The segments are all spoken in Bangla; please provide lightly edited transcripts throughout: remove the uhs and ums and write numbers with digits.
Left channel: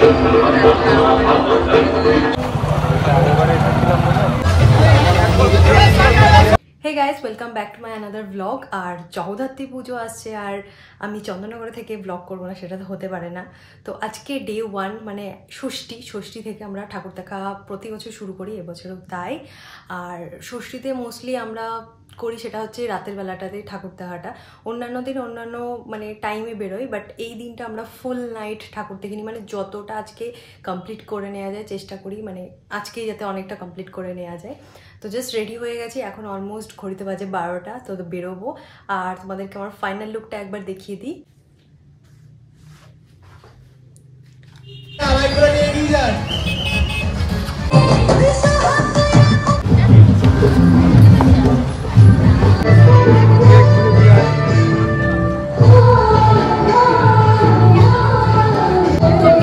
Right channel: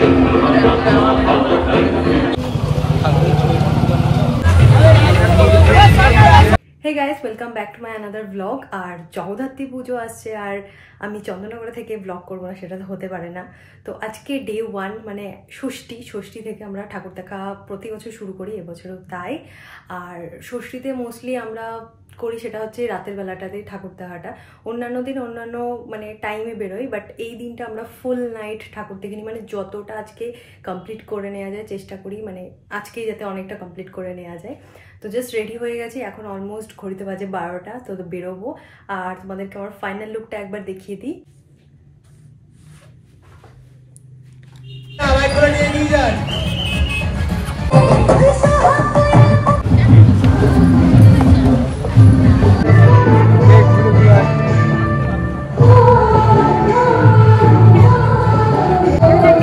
Hey guys, welcome back to my another vlog. আর জগদ্ধাত্রী পুজো আসছে আর আমি চন্দননগরে থেকে ব্লগ করবো না সেটা তো হতে পারে না। তো আজকে ডে 1 মানে ষষ্ঠী থেকে আমরা ঠাকুর দেখা প্রতি বছর শুরু করি, এবছরও তাই। আর ষষ্ঠীতে মোস্টলি আমরা করি সেটা হচ্ছে রাতের বেলাটাতেই ঠাকুর দেখাটা। অন্যান্য দিন অন্যান্য মানে টাইমে বেরোই, বাট এই দিনটা আমরা ফুল নাইট ঠাকুর দেখে নিই, মানে যতটা আজকে কমপ্লিট করে নেওয়া যায় চেষ্টা করি, মানে আজকেই যাতে অনেকটা কমপ্লিট করে নেওয়া যায়। তো জাস্ট রেডি হয়ে গেছি, এখন অলমোস্ট ঘড়িতে বাজে 12টা, তো বেরোবো। আর তোমাদেরকে আমার ফাইনাল লুকটা একবার দেখিয়ে দিই।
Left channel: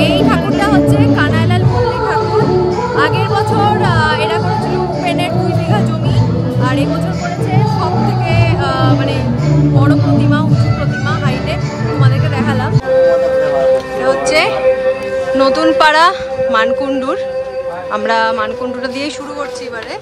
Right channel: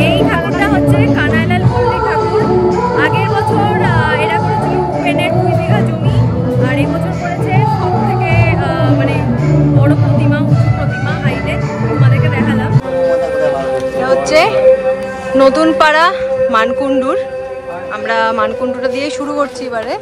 এই ঠাকুরটা হচ্ছে কানাইলাল পল্লী ঠাকুর। আগের বছর এরা করেছিল উপেনের 2 বিঘা জমি, আর এই বছর করেছে সব থেকে মানে বড় প্রতিমা, উঁচু প্রতিমা হাইটে। তোমাদেরকে দেখালাম। এটা হচ্ছে নতুন পাড়া মানকুণ্ডুর। আমরা মানকুণ্ডুটা দিয়ে শুরু করছি এবারে।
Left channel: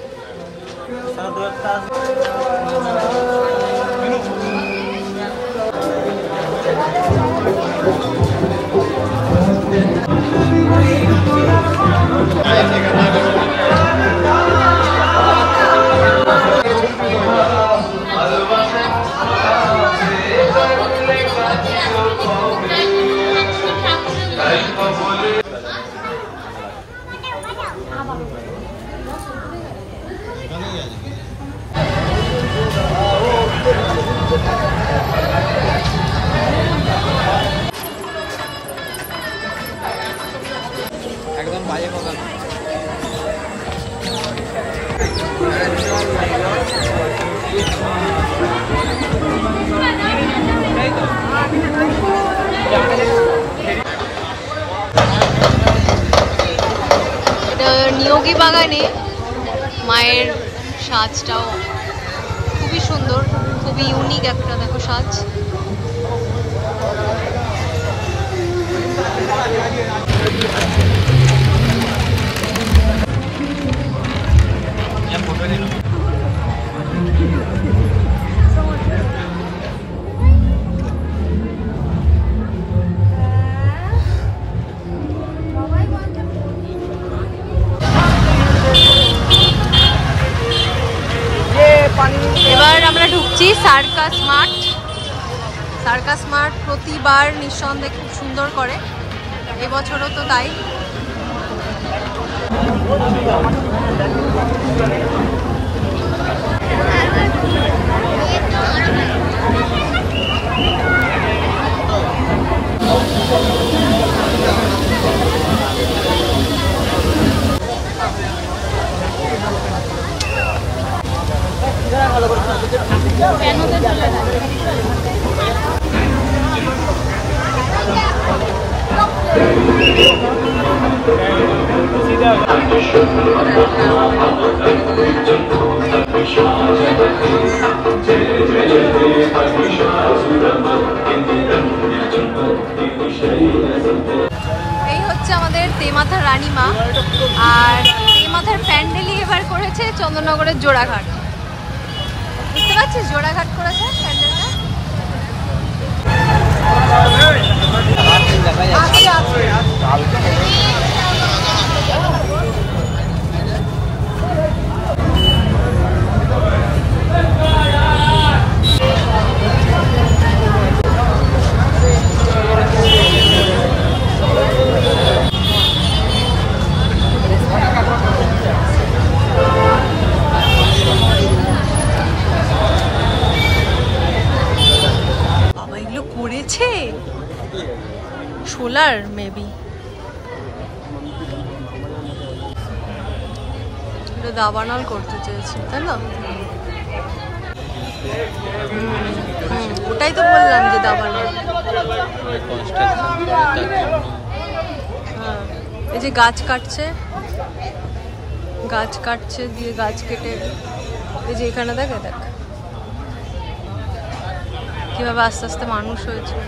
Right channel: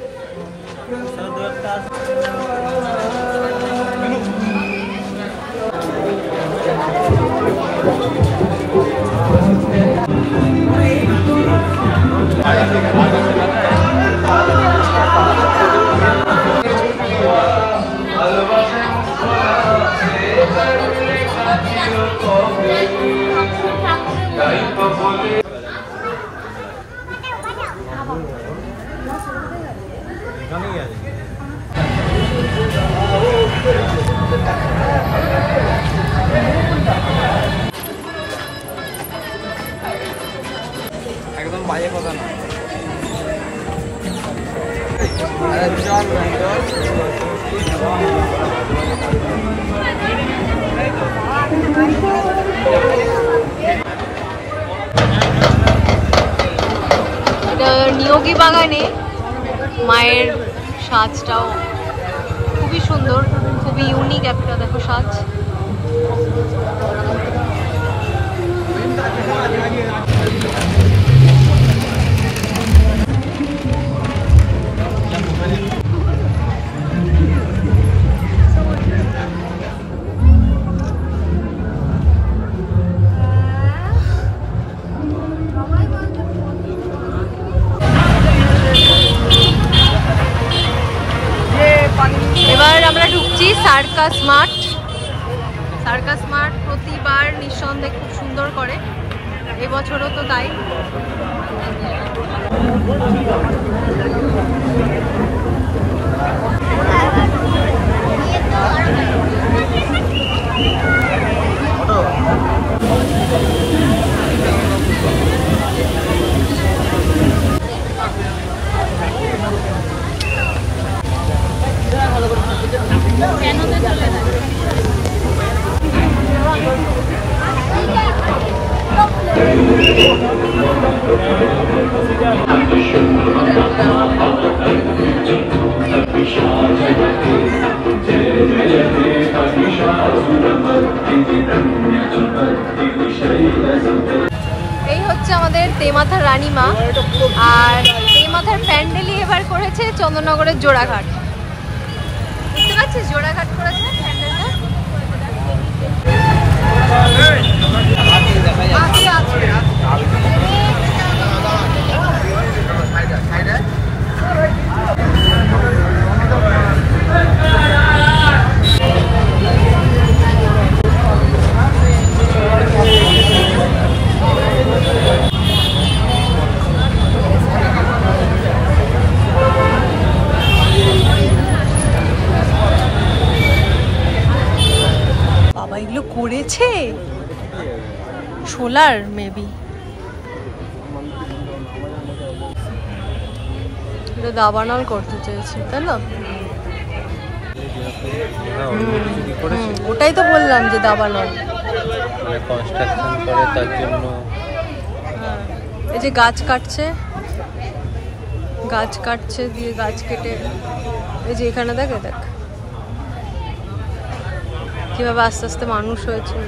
এটা নিয়োগী বাগানে মায়ের সাজটাও খুবই সুন্দর, খুবই ইউনিক একটা দেখো সাজ। এবার আমরা ঢুকছি সার্কাস মাঠ। সার্কাস মাঠ প্রতিবার নিঃসন্দেহে খুব সুন্দর করে, এবছরও তো তাই। এই হচ্ছে আমাদের তেমাথার রানীমা, আর তেমাথার প্যান্ডেলই এবার করেছে চন্দননগরের জোড়াঘাট। বুঝতে পারছিস, জোড়াঘাট করেছে প্যান্ডেলটা। এগুলো করেছে সোলার মেবি, এটা দাবানল করতে চেয়েছে তাই না? ওটাই তো বললাম যে দাবানল। হ্যাঁ, এই যে গাছ কাটছে দিয়ে গাছ কেটে, এই যে এখানে দেখ কিভাবে আস্তে আস্তে মানুষ হয়েছে।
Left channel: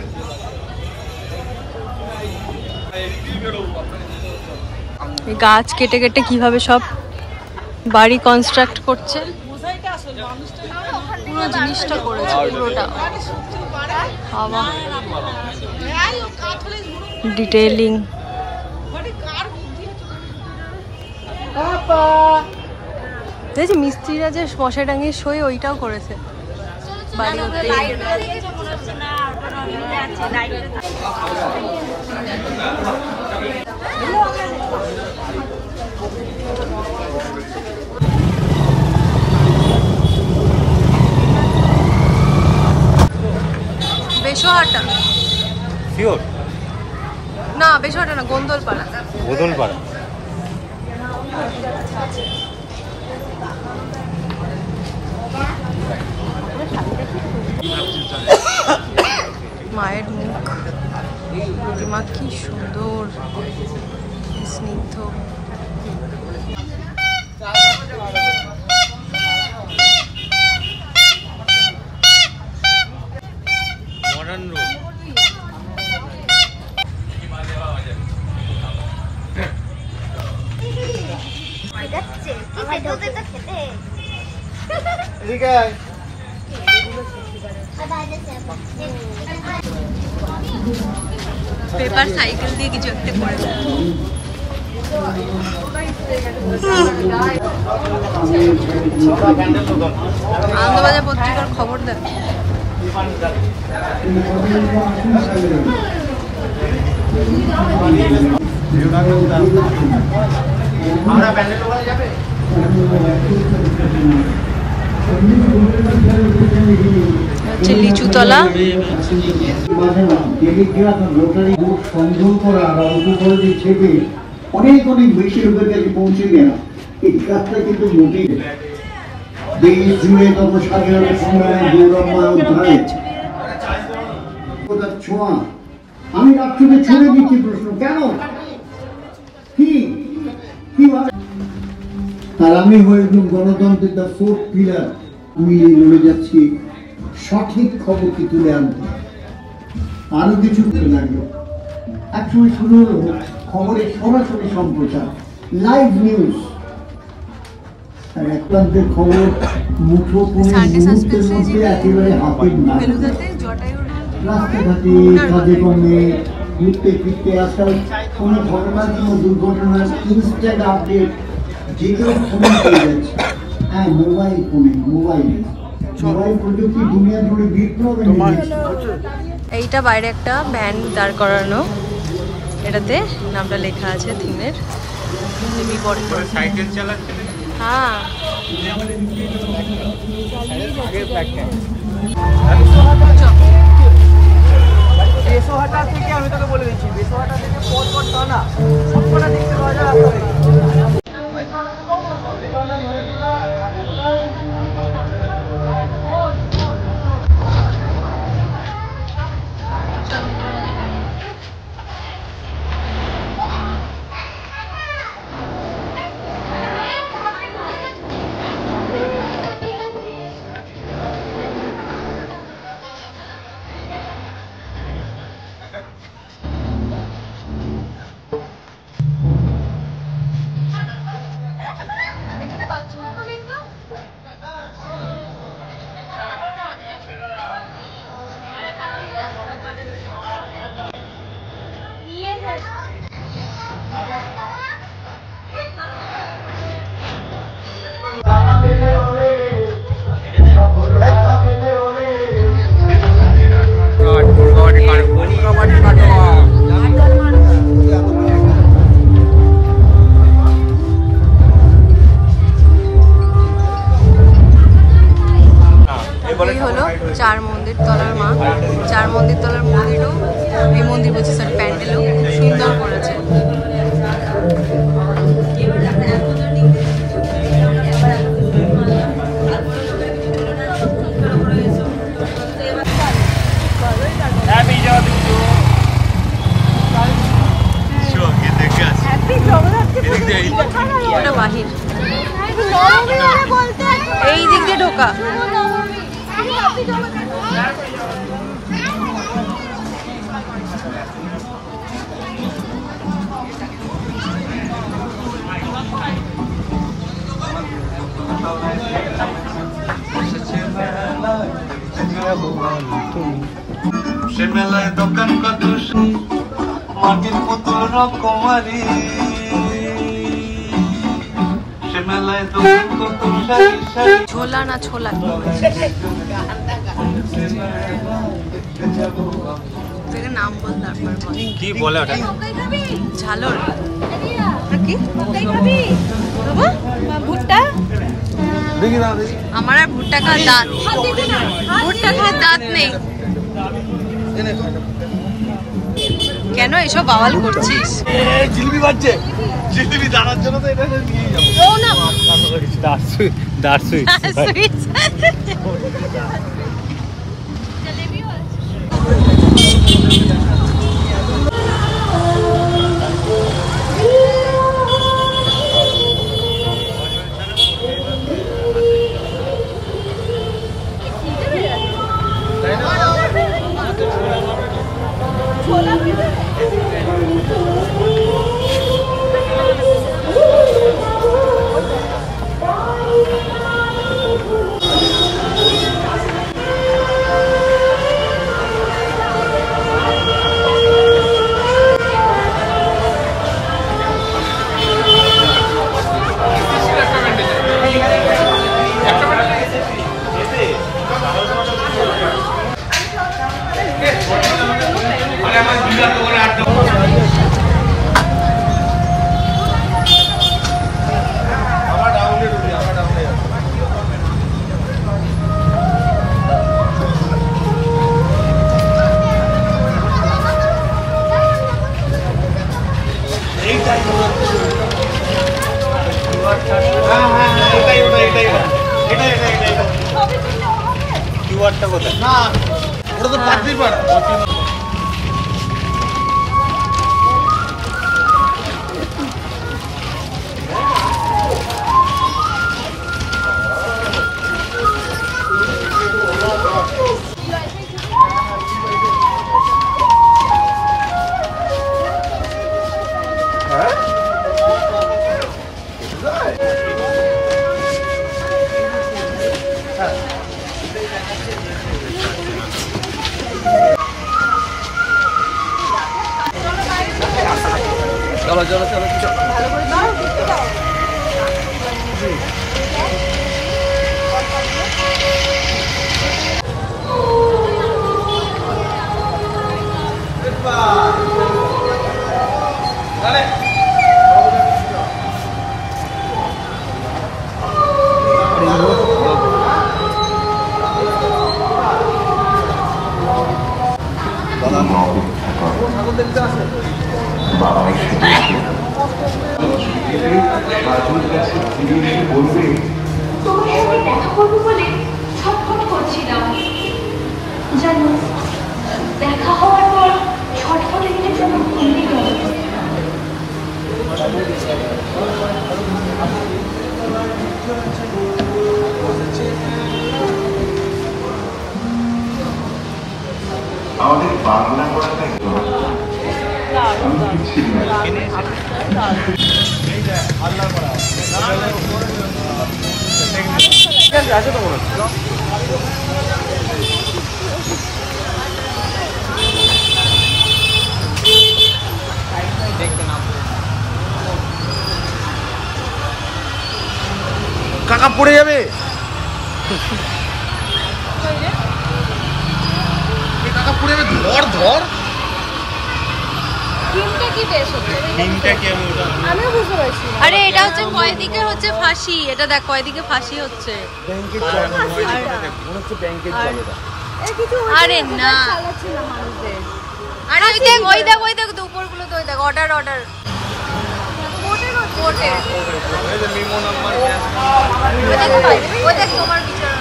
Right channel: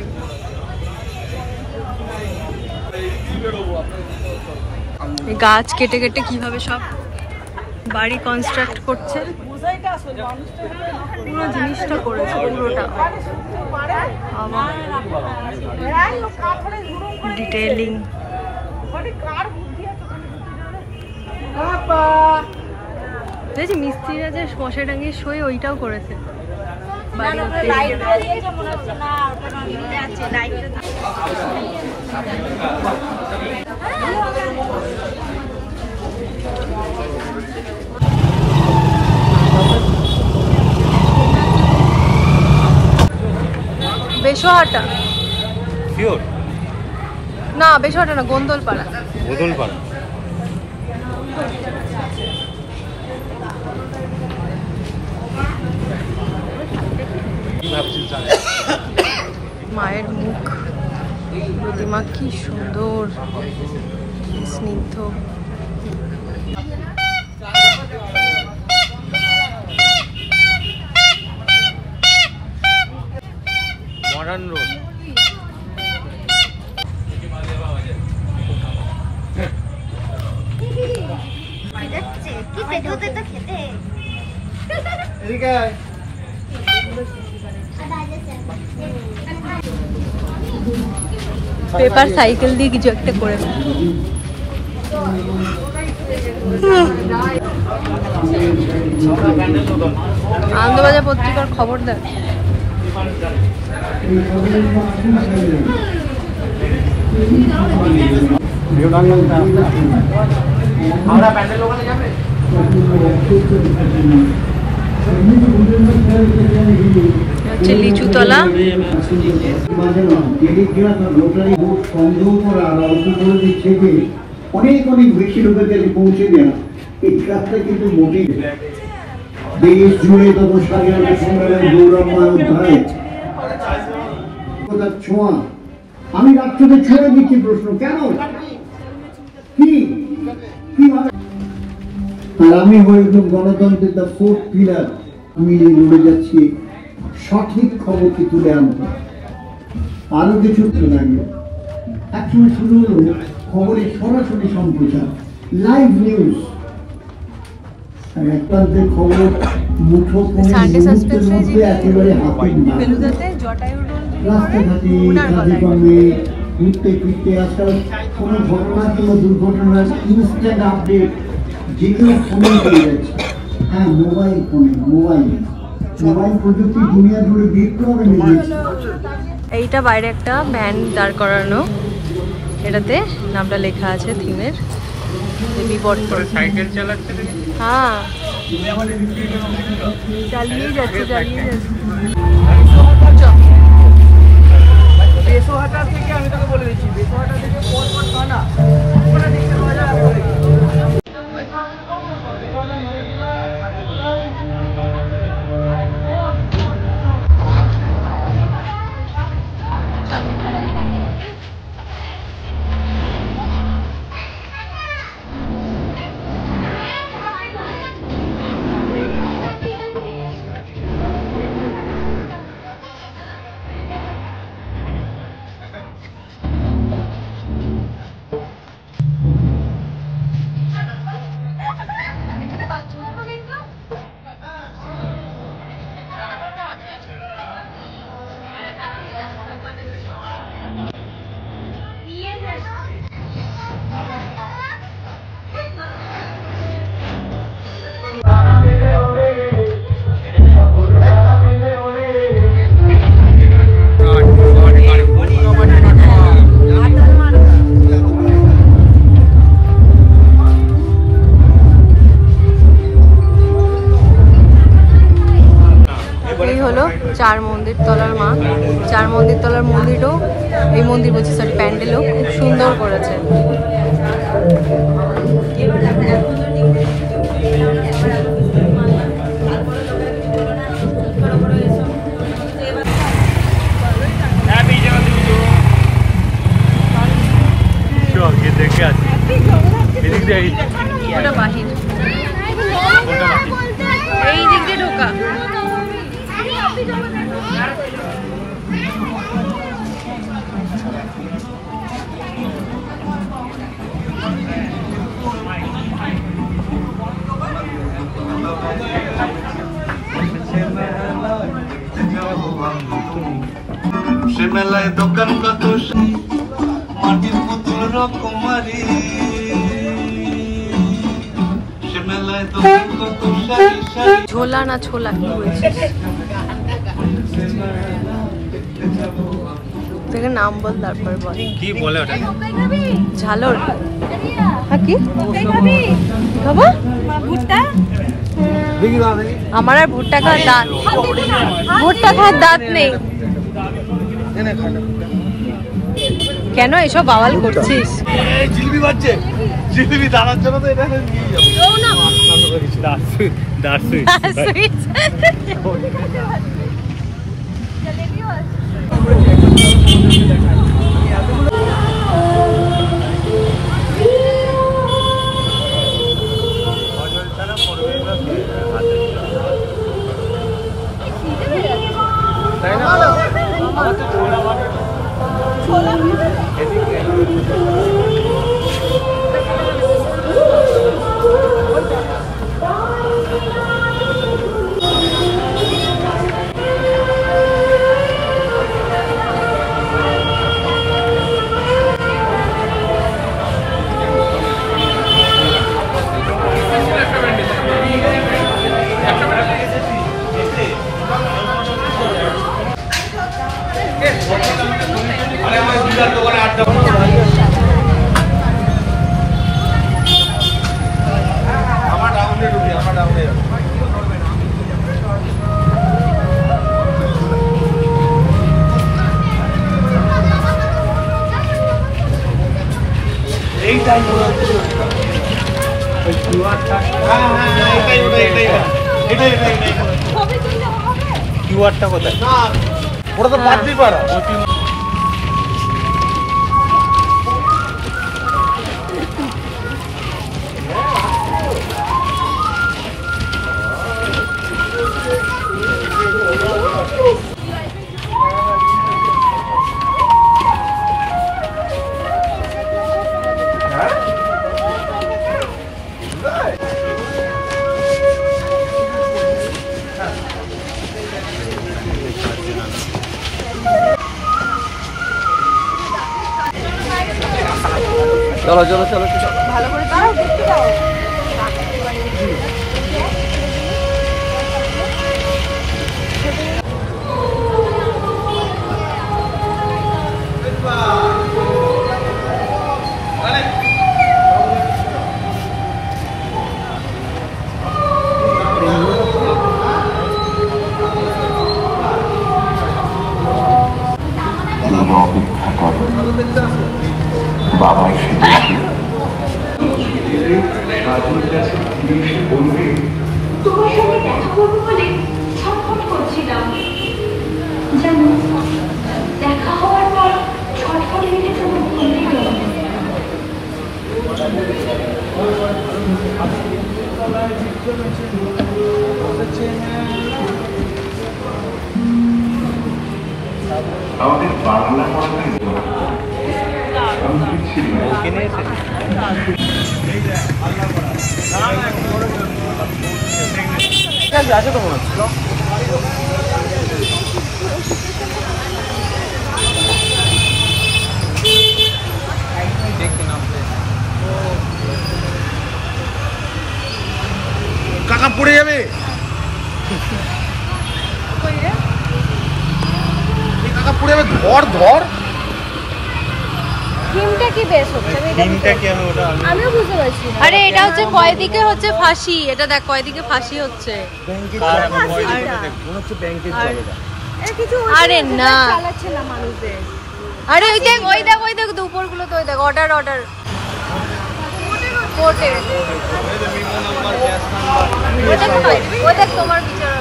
গাছ কেটে কেটে কিভাবে সব বাড়ি কনস্ট্রাক্ট করছে, পুরো জিনিসটা করেছে পুরোটা। বাবা ডিটেইলিং। দেখছি মিস্ত্রিরা যে মশাই টাঙিয়ে শোয় ওইটাও করেছে বাড়ি করতে গিয়ে। বেশহাটা না, বেশহাটা না, গোন্দলপাড়া। মায়ের মুখ প্রতিমা কি সুন্দর, কি স্নিগ্ধ। পেপার সাইকেল দিয়ে কিছু একটা করেছে। আনন্দবাজার পত্রিকার খবর দেখ। হচ্ছে লিচুতলা। অনেক অনেক বেশি লোকের কাছে পৌঁছে দেওয়া এই কাজটা কিন্তু মোটেই দেশ জুড়ে তত স্বাধীনতা সংগ্রামের গৌরবময় অধ্যায় ছোঁয়া। আমি রাষ্ট্রকে ছড়ে দিচ্ছি প্রশ্ন, কেন কি কিভাবে? আর আমি হয়ে গণতন্ত্রের দ্য ফোর্থ পিলার। আমি লড়ে যাচ্ছি সঠিক খবরকে তুলে আনবো। আরো কিছু লাগবে, একসময় শুরু হলো খবরের সরাসরি সম্প্রচার, লাইভ নিউজ। একটান্তের খবর মুঠো মুহূর্তের মধ্যে একেবারে হাতের নাগালে। রাস্তাঘাটে কাজে কর্মে ঘুরতে ফিরতে আজকাল কোনো ঘটনার কোনো দুর্ঘটনার ইনস্ট্যান্ট আপডেট যে কেউ ফোনে পেয়ে যাচ্ছে। হ্যাঁ, মোবাইল ফোনে, মোবাইল প্রযুক্তি দুনিয়া জুড়ে বিপ্লব এনে দিয়েছে। এইটা বাইরে একটা ভ্যান দাঁড় করানো, এটাতে নামটা লেখা আছে থিমের, বিবর্তন। সাইকেল চালাচ্ছে। হ্যাঁ, চালিয়ে যাচ্ছে। বেসোহাটা থেকে আমি তোকে বলে দিচ্ছি, বেসোহাটা থেকে পরপর টানা সবকটা দেখতে পাওয়া যায়। চার মন্দির তলার মা, চার মন্দির তলার মন্দিরও, এই মন্দির বলছি সরি প্যান্ডেলও খুব সুন্দর করেছে। ওটা বাহির, এই দিক দিয়ে ঢোকা। মেলায় দোকান কত মাটির মতো রকমারি সে মেলায় দোকান কত সারি সারি ঝোলা না ছোলা কি হয়েছে থেকে নাম বল তারপর বল কি বলে ওটা ঝালর কি ভুট্টা আমার আর ভুট্টা খাওয়ার দাঁত নেই কেন এসব বাওয়াল করছিস জিলিপি বাজছে জিলিপি দাঁড়ার জন্য তো এটা নিয়ে যাবো ওটা তো পাতলি পাড়া चलो चलो चलो चलो বাবাই তোমার সঙ্গে দেখা করবো বলে ছটফট করছিলাম জানো দেখা হওয়ার পর ছটফটে মিলে যেন ভুলেই গেল আমাদের বাংলা আমি কিছু কাকা পড়ে যাবে কাকা পড়ে যাবে ধর ধর আরে এটা হচ্ছে কয়দিকে হচ্ছে ফাঁসি এটা দেখ কয়দিকে ফাঁসি হচ্ছে আরে না আরে ওই দেখ দুপুর গুলো তো ওই দেখ অর্ডার কোর্টে ওই দেখ তোমার বিচার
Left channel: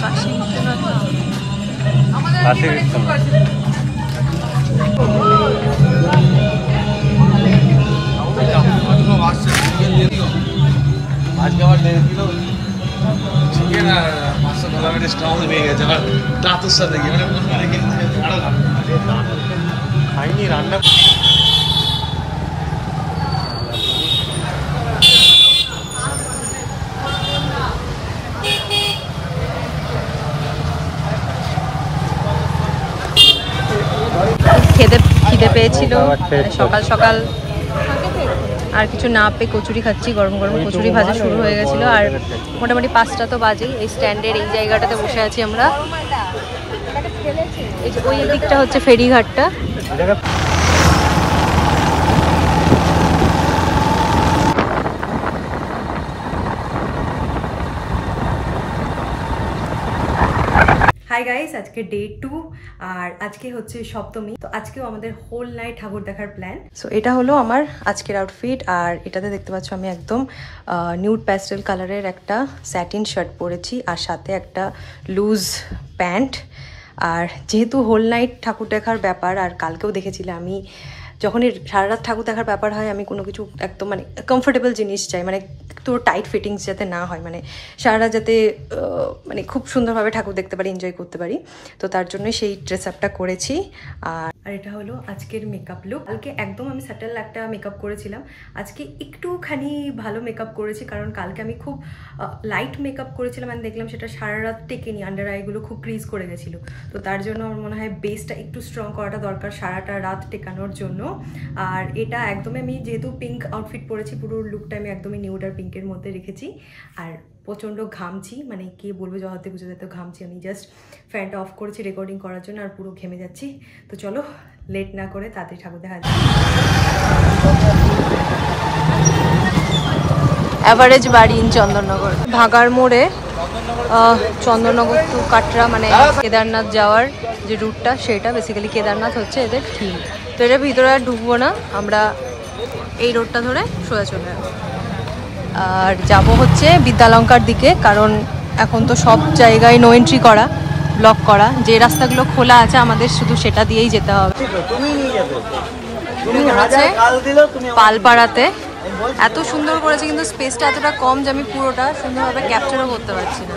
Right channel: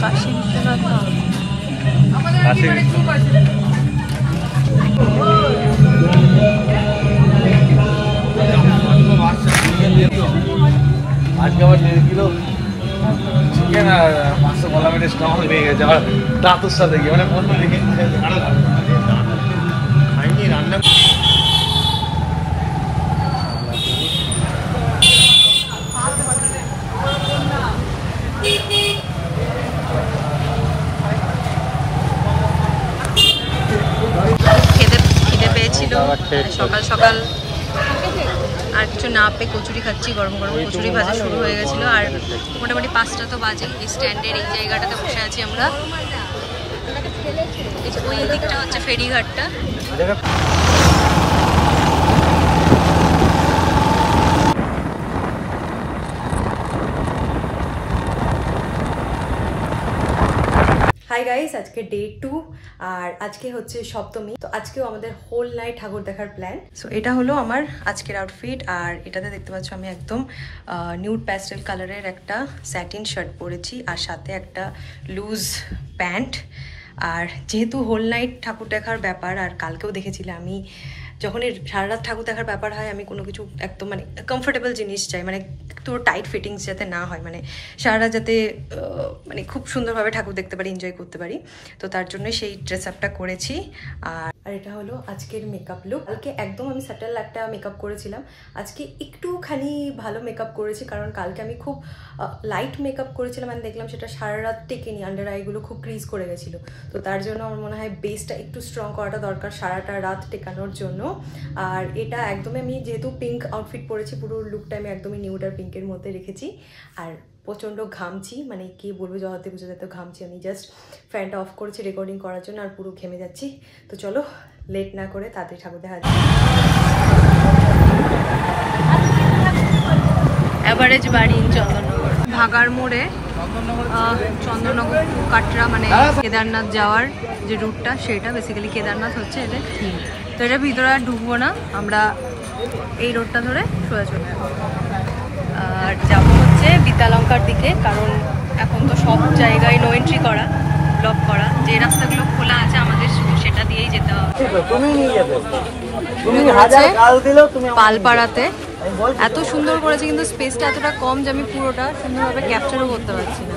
কাশি বিশ্বনাথ আজকে আমার 1.5 কিলো চিকেন আর মাছটা বলা আমি স্টমাক ভেঙে গেছে আর দাঁতের সাথে গিয়ে খাইনি রান্না সকাল সকাল আর কিছু না পেয়ে কচুরি খাচ্ছি, গরম গরম কচুরি ভাজা শুরু হয়ে গেছিলো। আর মোটামুটি 5টা তো বাজেই। এই স্ট্যান্ডের এই জায়গাটাতে বসে আছি আমরা। ওই দিকটা হচ্ছে ফেরিঘাটটা। হাই গাইস, আজকে ডে 2 আর আজকে হচ্ছে সপ্তমী। তো আজকেও আমাদের হোল নাইট ঠাকুর দেখার প্ল্যান। সো এটা হলো আমার আজকের আউটফিট। আর এটাতে দেখতে পাচ্ছ আমি একদম নিউড প্যাস্টেল কালারের একটা স্যাটিন শার্ট পরেছি আর সাথে একটা লুজ প্যান্ট। আর যেহেতু হোল নাইট ঠাকুর দেখার ব্যাপার, আর কালকেও দেখেছিলে আমি যখনই সারা রাত ঠাকুর দেখার ব্যাপার হয় আমি কোনো কিছু একদম মানে কমফোর্টেবল জিনিস চাই, মানে একটু টাইট ফিটিংস যাতে না হয়, মানে সারা রাত যাতে মানে খুব সুন্দরভাবে ঠাকুর দেখতে পারি, এনজয় করতে পারি। তো তার জন্য সেই ড্রেস আপটা করেছি। আর এটা হলো আজকের মেকআপ লুক। কালকে একদম আমি স্যাটেল একটা মেকআপ করেছিলাম, আজকে একটুখানি ভালো মেকআপ করেছি, কারণ কালকে আমি খুব লাইট মেকআপ করেছিলাম। আমি দেখলাম সেটা সারা রাত টেকেনি, আন্ডার আইগুলো খুব ক্রিজ করে গেছিলো। তো তার জন্য আমার মনে হয় বেসটা একটু স্ট্রং করাটা দরকার সারাটা রাত টেকানোর জন্য। আর এটা একদমই আমি যেহেতু পিঙ্ক আউটফিট পরেছি, পুরো লুকটা আমি একদমই নিউড আর পিঙ্কের মধ্যে রেখেছি। আর প্রচণ্ড ঘামছি, মানে কি বলবো, জগতে পুজো যেত ঘামছি। আমি জাস্ট ফ্যানটা অফ করেছি রেকর্ডিং করার জন্য, আর পুরো ঘেমে যাচ্ছি। তো চলো লেট না করে তাড়াতাড়ি ঠাকুর দেখা যায়। অ্যাভারেজ বাড়ি ইন চন্দননগর, ভাগার মোড়ে চন্দননগর টু কাটরা, মানে কেদারনাথ যাওয়ার যে রুটটা সেটা বেসিক্যালি কেদারনাথ হচ্ছে এদের থিম। তো এটার ভিতরে আর ঢুকবো না, আমরা এই রোডটা ধরে সোজা চলে যাবো। আর যাবো হচ্ছে বিদ্যালঙ্কার দিকে, কারণ এখন তো সব জায়গায় নো এন্ট্রি করা, ব্লক করা। যে রাস্তাগুলো খোলা আছে আমাদের শুধু সেটা দিয়েই যেতে হবে। পালপাড়াতে এত সুন্দর করেছে, কিন্তু স্পেসটা এতটা কম যে আমি পুরোটা সুন্দরভাবে ক্যাপচারও করতে পারছি না।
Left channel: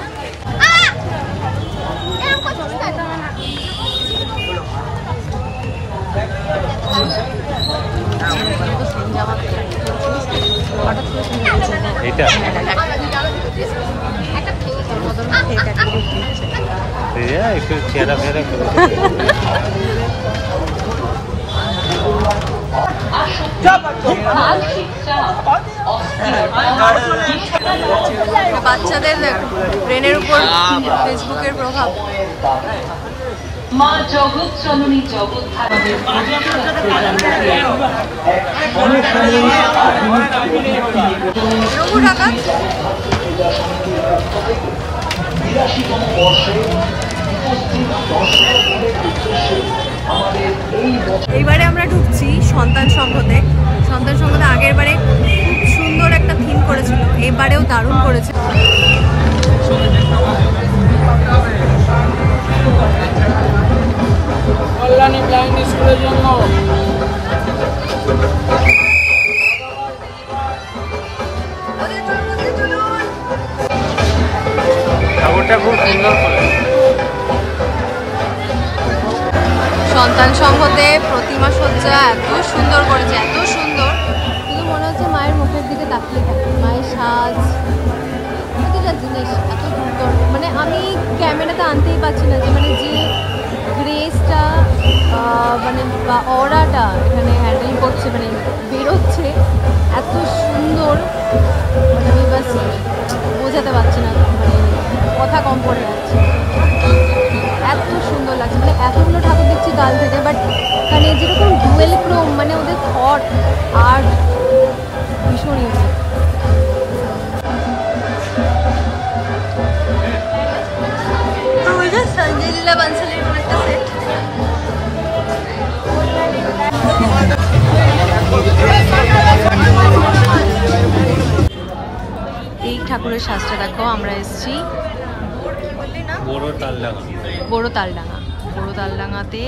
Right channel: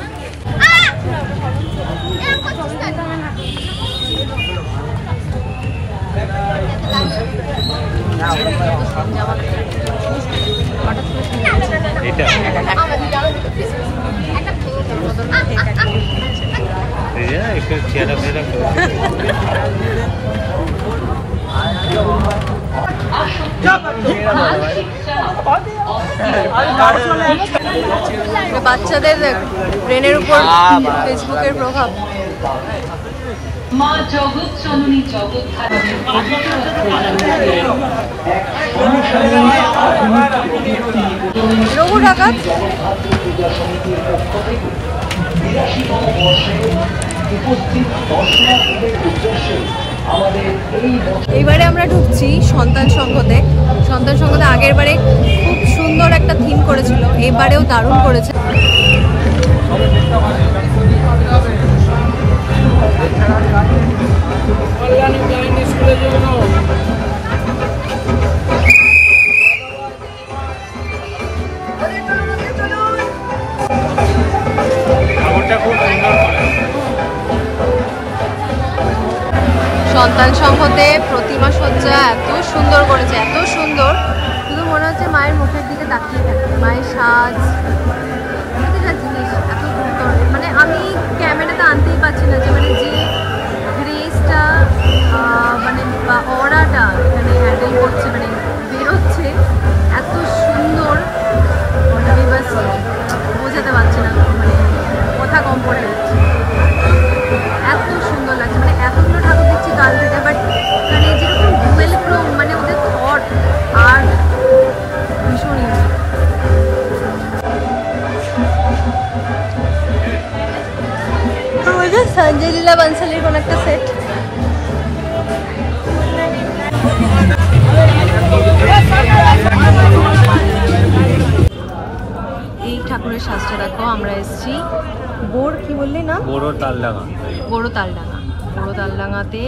বাচ্চাদের ব্রেনের উপর ফেসবুকের প্রভাব। রঘু ডাকাত এইবারে আমরা ঢুকছি সন্তান সংঘতে। সন্তান সংঘতে আগের বারে খুব সুন্দর একটা থিম করেছিল, এবারেও দারুণ করেছে। সন্তান সংঘতে প্রতিমা সজ্জা এত সুন্দর করেছে, এত সুন্দর, শুধু মনে হচ্ছে মায়ের মুখের দিকে তাকিয়ে থাকে। মায়ের সাজ, প্রতিটা জিনিস এত সুন্দর, মানে আমি ক্যামেরাতে আনতেই পারছি না যে মানে যে গ্রেসটা মানে বা অরাটা মানে হ্যান্ডেল করছে, মানে বেরোচ্ছে এত সুন্দর, মানে আমি বাস বোঝাতে পারছি না, মানে কথা কম পড়ে যাচ্ছে। এত সুন্দর লাগছে, মানে এতগুলো ঠাকুর দেখছি কাল থেকে, বাট মানে যেরকম ডুয়েল ক্রোম, মানে ওদের থট আর ভীষণ ইউনিক। সঞ্জয় লীলা বানসালির কোন একটা সেট। এই ঠাকুরের সাজটা দেখো, আমরা এসেছি কি বললি না, বড় তালডাঙ্গাতে।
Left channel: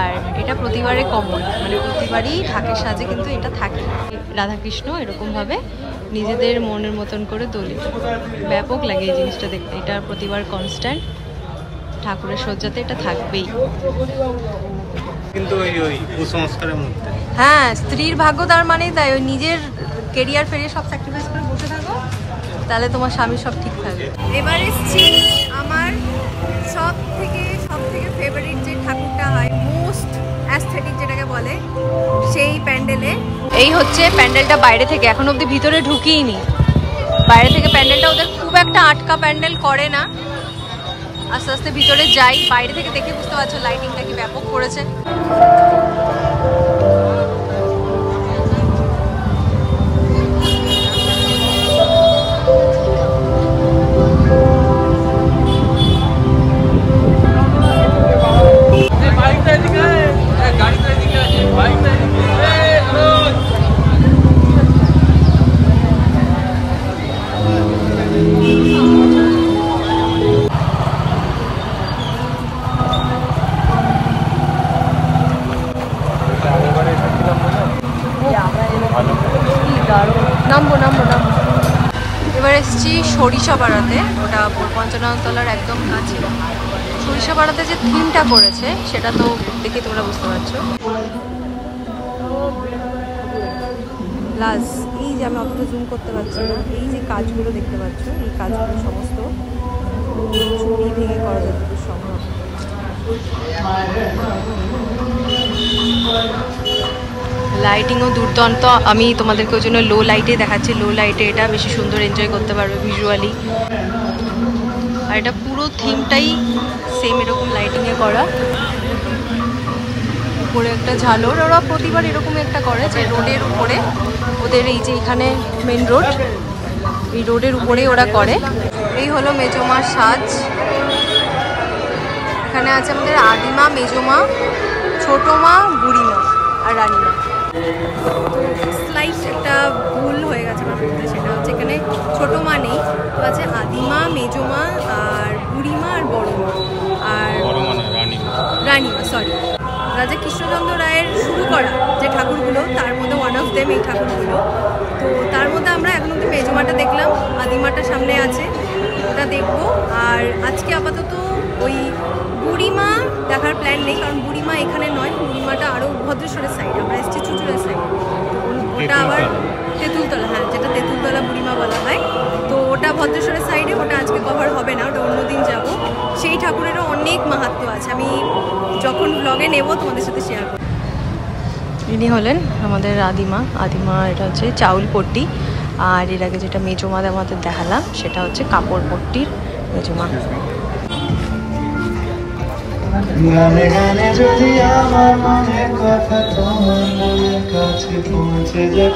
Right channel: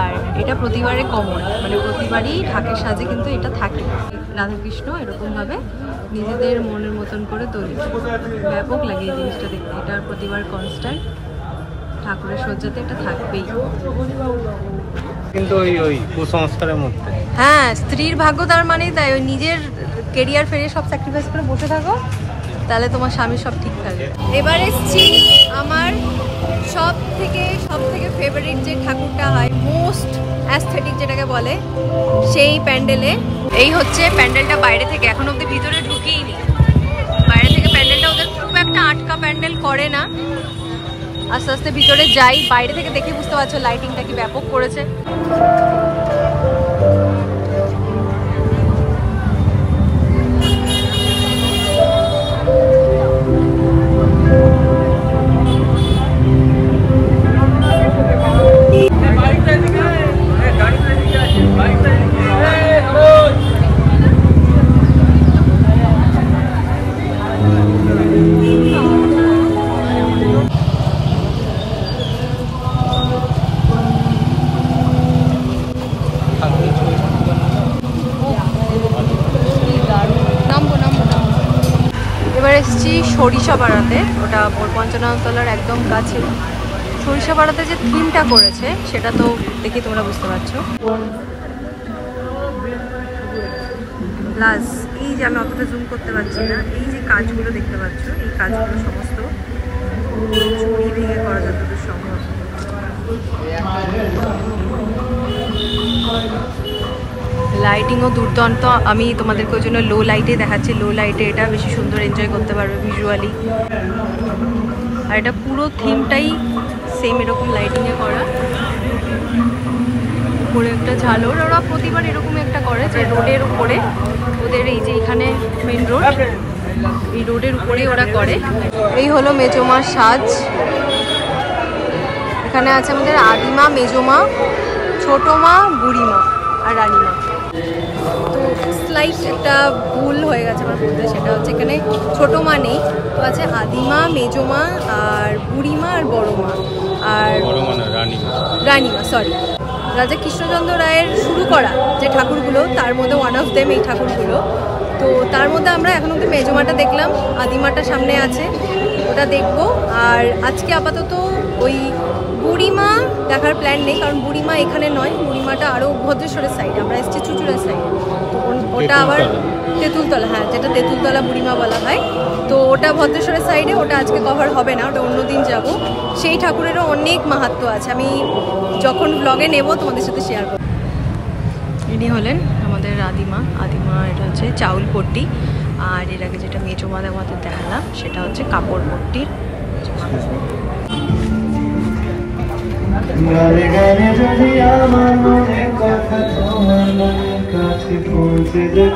আর এটা প্রতিবারে কমন, মানে প্রতিবারই ঢাকের সাজে কিন্তু এটা থাকে। রাধাকৃষ্ণ এরকম ভাবে নিজেদের মনের মতন করে তোলে, ব্যাপক লাগে এই জিনিসটা দেখতে। এটা প্রতিবার কনস্ট্যান্ট ঠাকুরের সজ্জাতে এটা থাকবেই, কিন্তু ওই কুসংস্কারের মধ্যে। হ্যাঁ, স্ত্রীর ভাগ্য তার মানেই তাই, ওই নিজের কেরিয়ার ফেরিয়ে সব স্যাক্রিফাইস করে বসে থাকো, তাহলে তোমার স্বামী সব ঠিক থাকবে। এবার এসছি আমার সব থেকে ফেভারিট যে ঠাকুরটা হয়, মোস্ট অ্যাস্থেটিক যেটাকে বলে, সেই প্যান্ডেলে। এই হচ্ছে প্যান্ডেলটা বাইরে থেকে, এখন অব্দি ভিতরে ঢুকিয়েনি। বাইরে থেকে প্যান্ডেলটা ওদের খুব একটা আটকা প্যান্ডেল করে না, আস্তে আস্তে ভিতরে যাই। বাইরে থেকে দেখে বুঝতে পারছো লাইটিংটা কি ব্যাপক করেছে। এসছি সরিষাপাড়াতে, ওটা পঞ্চননতলার একদম কাছে। সরিষাপাড়াতে যে থিমটা করেছে সেটা তো দেখে তোমরা বুঝতে পারছো। প্লাস এই যে আমি অতটা জুম করতে পারছি না, এই যে কাজগুলো দেখতে পাচ্ছ, এই কাজগুলো সমস্ত চুরি ভেঙে করা যতদূর সম্ভব। লাইটিংও দুর্দান্ত। আমি তোমাদেরকে ওই জন্য লো লাইটে দেখাচ্ছি। লো লাইটে এটা বেশি সুন্দর এনজয় করতে পারবে ভিজুয়ালি। আর এটা পুরো থিমটাই সেম এরকম লাইটিংয়ে করা। উপরে একটা ঝালর, ওরা প্রতিবার এরকম একটা করে যে রোডের উপরে, ওদের এই যে এখানে মেন রোড, এই রোডের উপরেই ওরা করে। এই হলো মেজমা সাজ। এখানে আছে আমাদের আদিমা, মেজমা, ছোট মা, বুড়িমা আর রানীমা। তো স্লাইট একটা ভুল হয়ে গেছে আমার বলতে, সেটা হচ্ছে এখানে ছোট মা নেই, তো আছে আদিমা, মেজমা আর বুড়িমা আর বড় মা আর রানীমা। সরি, রাজা কৃষ্ণচন্দ্র রায়ের শুরু করা যে ঠাকুরগুলো, তার মধ্যে ওয়ান অফ দেম এই ঠাকুরগুলো। তো তার মধ্যে আমরা এখন অব্দি মেজমাটা দেখলাম, আদিমাটা সামনে আছে, ওটা দেখবো। আর আজকে আপাতত ওই বুড়িমা দেখার প্ল্যান নেই, কারণ বুড়িমা এখানে নয়, বুড়িমাটা আরও ভদ্রেশ্বরের সাইড, আমরা এসেছি চুচুড়ার সাইড। ওটা আবার তেঁতুলতলা, হ্যাঁ, যেটা তেঁতুলতলা বুড়িমা বলা হয়। তো ওটা ভদ্রেশ্বরের সাইডে, ওটা আজকে কভার হবে না, ওটা অন্যদিন যাব। সেই ঠাকুরেরও অনেক মাহাত্ম্য আছে, আমি যখন ব্লগে নেব তোমাদের সাথে শেয়ার করব। ইনি হলেন আমাদের আদিমা। এটা হচ্ছে চাউল পট্টি, আর এর আগে যেটা মেজমা আমাদের দেখালাম সেটা হচ্ছে কাপড় পট্টির মেজমা। গানে গানে যদি আমার মনের কথা তোমার কাছে পৌঁছে যায়।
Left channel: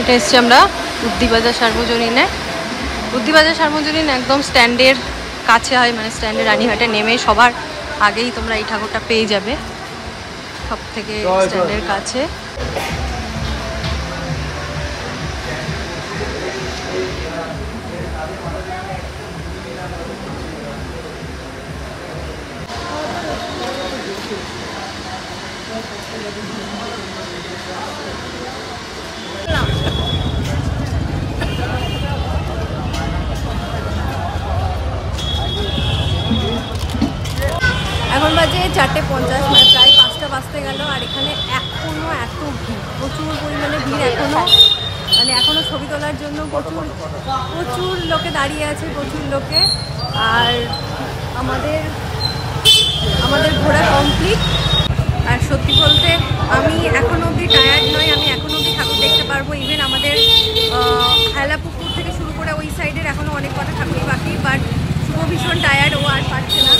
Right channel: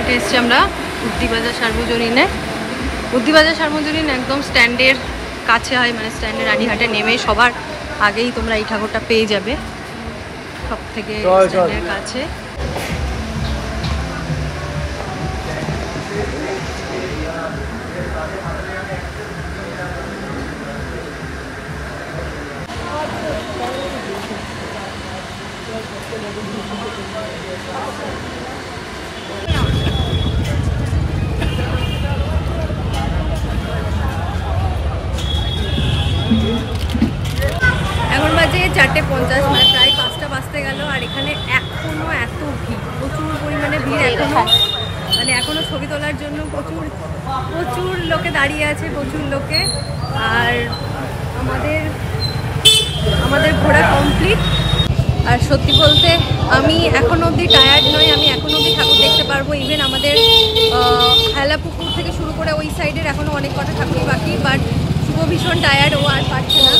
এটা এসছি আমরা বুদ্ধিবাজার সার্বজনীনে। বুদ্ধিবাজার সার্বজনীন একদম স্ট্যান্ডের কাছে হয়, মানে স্ট্যান্ডের রানীহাটে নেমে সবার আগেই তোমরা এই ঠাকুরটা পেয়ে যাবে, সব থেকে স্ট্যান্ডের কাছে। এখন বাজে 4:50, মানে প্রায় 5টা বাজতে গেল। আর এখানে এখনো এত ভিড়, প্রচুর পরিমাণে ভিড় এখনো, মানে এখনো ছবি তোলার জন্য প্রচুর লোকে দাঁড়িয়ে আছে, প্রচুর লোকে। আর আমাদের ঘোরা কমপ্লিট। আর সত্যি বলতে আমি এখন অবধি টায়ার্ড নই, আমি এখন অবধি ঠাকুর দেখতে পারবো। ইভেন আমাদের হেলাপুকুর থেকে শুরু করে ওই সাইডের এখনো অনেক কটা ঠাকুরই বাকি, বাট শুভ ভীষণ টায়ার্ড, ও আর পারছে না,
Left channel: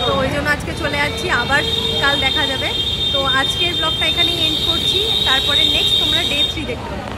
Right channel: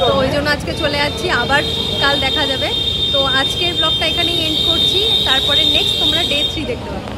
তো ওই জন্য আজকে চলে যাচ্ছি, আবার কাল দেখা যাবে। তো আজকের ব্লগটা এখানেই এন্ড করছি, তারপরে নেক্সট তোমরা ডে 3 দেখতে পাবে।